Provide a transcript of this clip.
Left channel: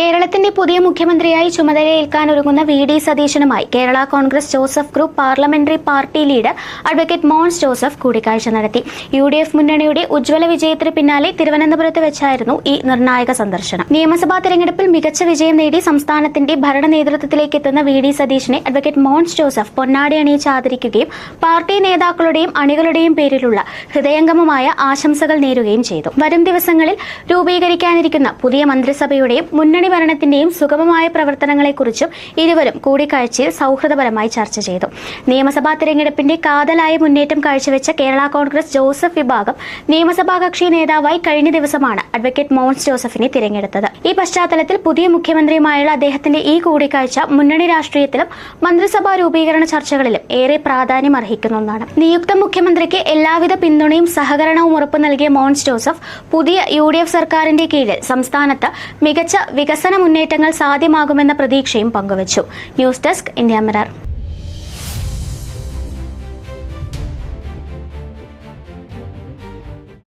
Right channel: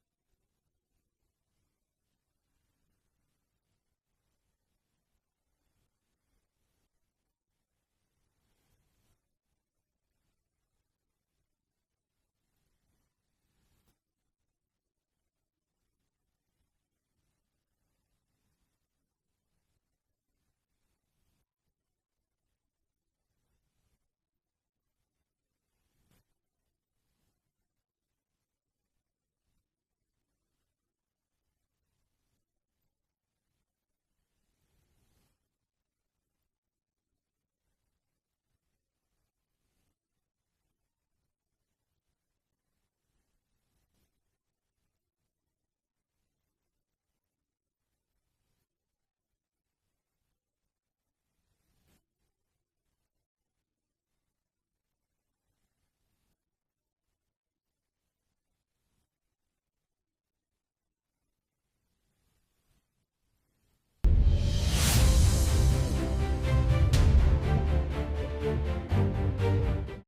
കേരളത്തിന്റെ പുതിയ മുഖ്യമന്ത്രിയായി ചുമതലയേൽക്കാനൊരുങ്ങുന്ന വി.ഡി. സതീശനുമായി Kerala Congress Joseph group parliamentary party leader advocate Mons Joseph കൂടിക്കാഴ്ച നടത്തി. യു.ഡി.എഫ് മുന്നണിയുടെ ഉജ്ജ്വല വിജയത്തിന് പിന്നാലെ തിരുവനന്തപുരത്ത് വെച്ചായിരുന്നു ഈ നിർണായക സന്ദർശനം. നിയമസഭാ തെരഞ്ഞെടുപ്പിൽ മികച്ച വിജയം നേടി സംസ്ഥാനത്തിന്റെ ഭരണ നേതൃത്വത്തിലേക്ക് എത്തുന്ന വി.ഡി. സതീശനെ അഡ്വക്കേറ്റ് മോൻസ് ജോസഫ് പൊന്നാടി അണിയിച്ച് ആദരിക്കുകയും പാർട്ടി നേതാക്കളുടെയും അണികളുടെയും പേരിലുള്ള ഹൃദയംഗമമായ ആശംസകൾ നേരുകയും ചെയ്തു. വരും ദിവസങ്ങളിൽ രൂപീകരിക്കാനിരിക്കുന്ന പുതിയ മന്ത്രിസഭയുടെയും മുന്നണി ഭരണത്തിന്റെയും സുഗമമായ പ്രവർത്തനങ്ങളെക്കുറിച്ചും ഇരുവരും കൂടിക്കാഴ്ചയിൽ സൗഹൃദപരമായി ചർച്ച ചെയ്തു. നിയമസഭാ തെരഞ്ഞെടുപ്പിന്റെ കാതലായ മുന്നേറ്റം കാഴ്ചവെച്ച കേരള കോൺഗ്രസ് ജോസഫ് വിഭാഗം നിയമസഭാ കക്ഷി നേതാവായി കഴിഞ്ഞ ദിവസമാണ് അഡ്വക്കേറ്റ് മോൻസ് ജോസഫിനെ തിരഞ്ഞെടുത്തത്. ഈ പശ്ചാത്തലത്തിൽ പുതിയ മുഖ്യമന്ത്രിയുമായുള്ള അദ്ദേഹത്തിന്റെ ഈ കൂടിക്കാഴ്ച മുന്നണി രാഷ്ട്രീയത്തിലും മന്ത്രിസഭാ രൂപീകരണ ചർച്ചകളിലും ഏറെ പ്രാധാന്യം അർഹിക്കുന്ന ഒന്നാണ്. നിയുക്ത മുഖ്യമന്ത്രിക്ക് എല്ലാവിധ പിന്തുണയും സഹകരണവും ഉറപ്പു നൽകിയ മോൻസ് ജോസഫ് പുതിയ യു.ഡി.എഫ് സർക്കാരിന്റെ കീഴിൽ സംസ്ഥാനത്ത് മികച്ച വികസന മുന്നേറ്റങ്ങൾ സാധ്യമാകുമെന്ന പ്രതീക്ഷയും പങ്കുവച്ചു. News desk India mirror.